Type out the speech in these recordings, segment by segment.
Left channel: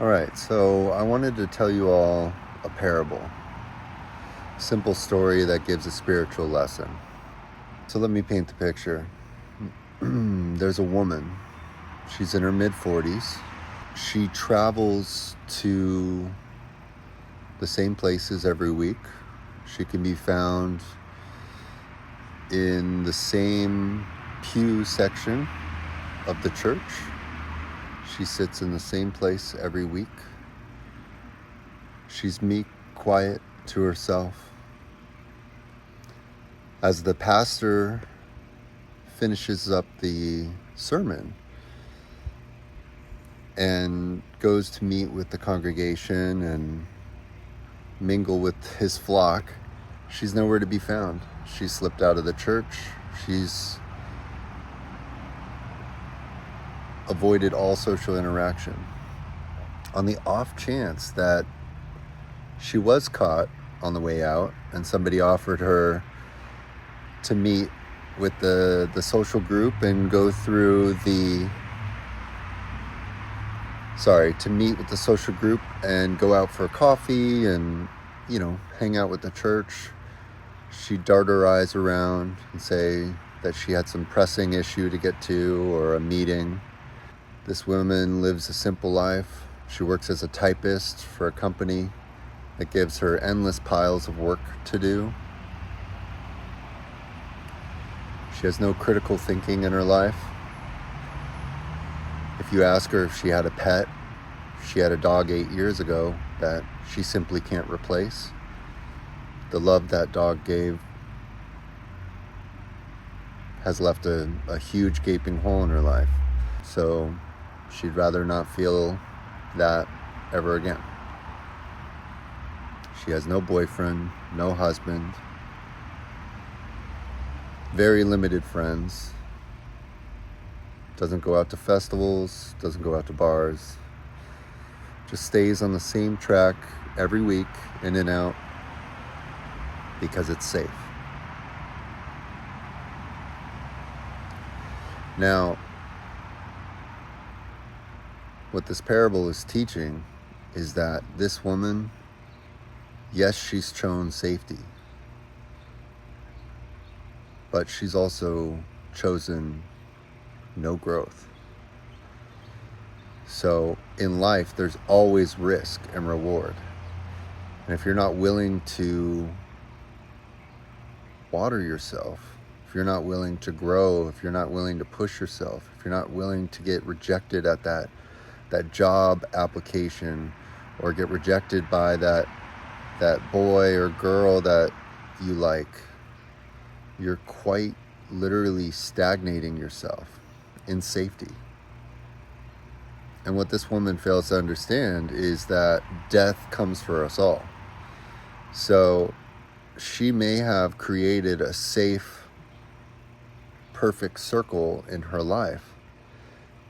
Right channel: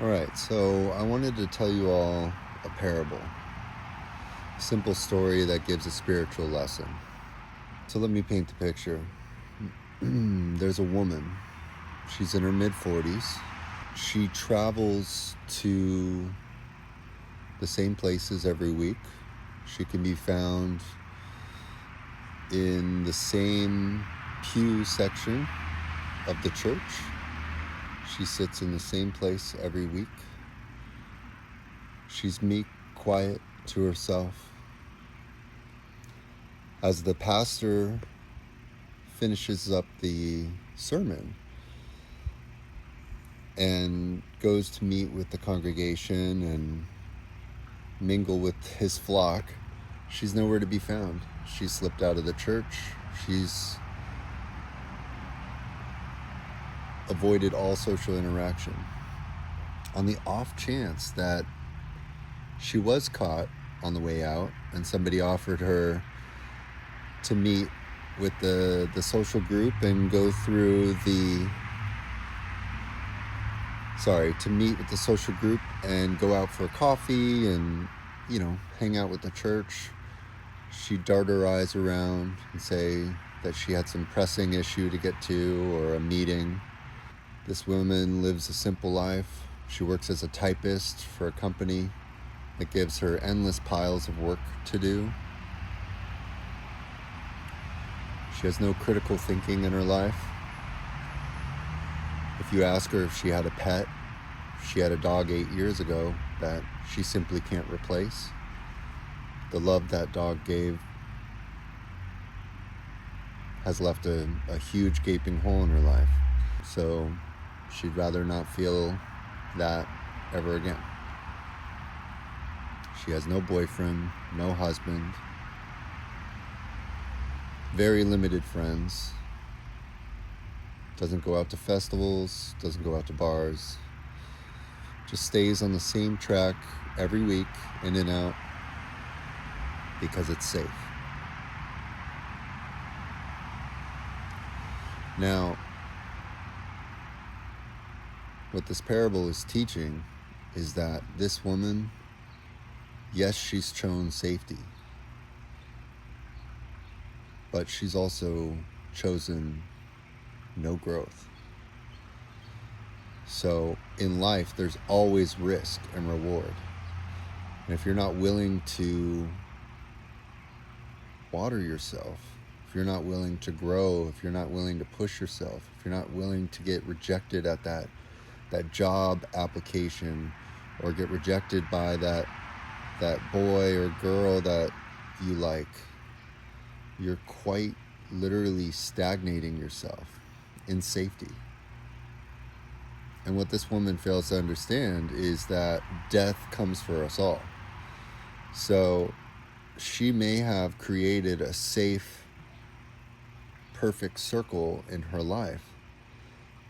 All right, so I wanted to tell you all a parable, a simple story that gives a spiritual lesson. So let me paint the picture. There's a woman. She's in her mid-40s. She travels to the same places every week. She can be found in the same pew section of the church. She sits in the same place every week. She's meek, quiet, to herself. As the pastor finishes up the sermon and goes to meet with the congregation and mingle with his flock, she's nowhere to be found. She's slipped out of the church. She's avoided all social interaction. On the off chance that she was caught on the way out and somebody offered her to meet with the social group and go through to meet with the social group and go out for coffee and, hang out with the church, she'd dart her eyes around and say that she had some pressing issue to get to or a meeting. This woman lives a simple life. She works as a typist for a company that gives her endless piles of work to do. She has no critical thinking in her life. If you ask her if she had a pet, she had a dog 8 years ago that she simply can't replace. The love that dog gave has left a huge gaping hole in her life. So she'd rather not feel that ever again. She has no boyfriend, no husband, very limited friends, doesn't go out to festivals, doesn't go out to bars, just stays on the same track every week, in and out, because it's safe. Now, what this parable is teaching is that this woman, yes, she's chosen safety, but she's also chosen no growth. So in life, there's always risk and reward. And if you're not willing to water yourself, if you're not willing to grow, if you're not willing to push yourself, if you're not willing to get rejected at that job application, or get rejected by that boy or girl that you like, you're quite literally stagnating yourself in safety. And what this woman fails to understand is that death comes for us all. So she may have created a safe, perfect circle in her life,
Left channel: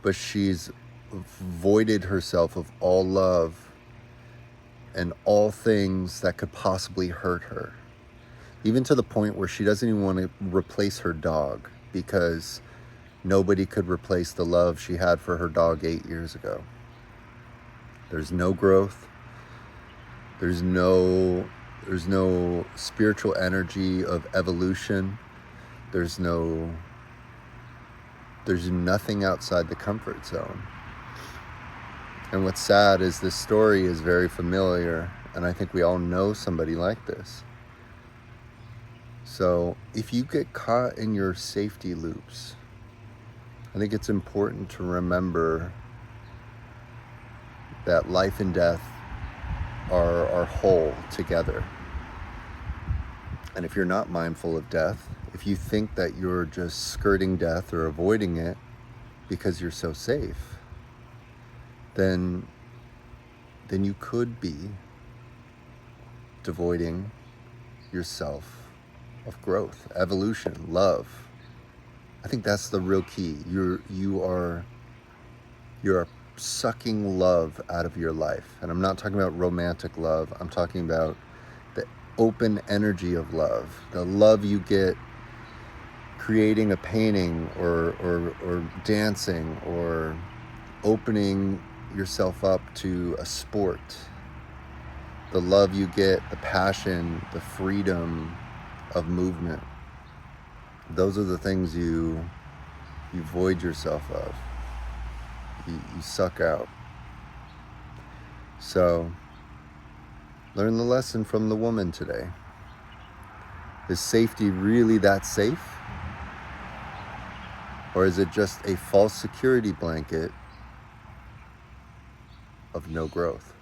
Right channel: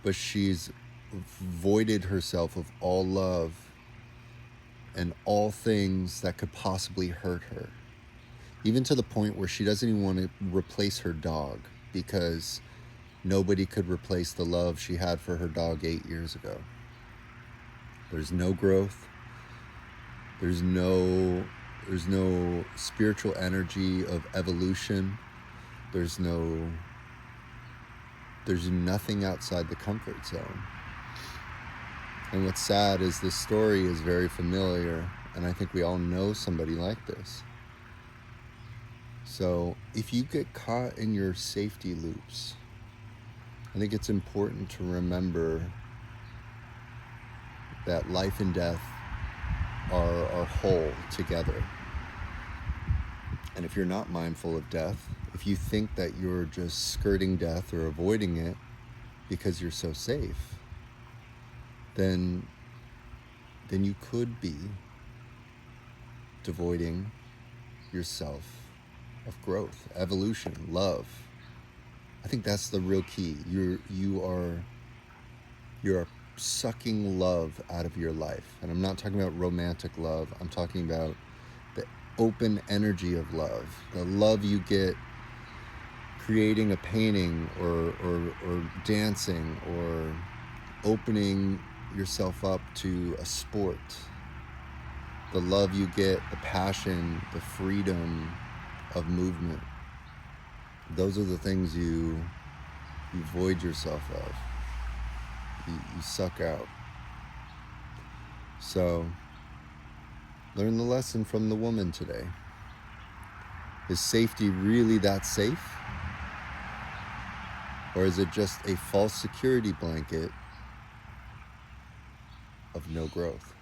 but she's voided herself of all love and all things that could possibly hurt her, even to the point where she doesn't even want to replace her dog, because nobody could replace the love she had for her dog 8 years ago. There's no growth. There's no spiritual energy of evolution. There's nothing outside the comfort zone. And what's sad is this story is very familiar, and I think we all know somebody like this. So if you get caught in your safety loops, I think it's important to remember that life and death are whole together. And if you're not mindful of death, if you think that you're just skirting death or avoiding it because you're so safe, then you could be devoiding yourself of growth, evolution, love. I think that's the real key. You're sucking love out of your life. And I'm not talking about romantic love. I'm talking about the open energy of love, the love you get creating a painting or dancing or opening yourself up to a sport. The love you get, the passion, the freedom of movement. Those are the things you void yourself of. You suck out. So, learn the lesson from the woman today. Is safety really that safe? Or is it just a false security blanket of no growth?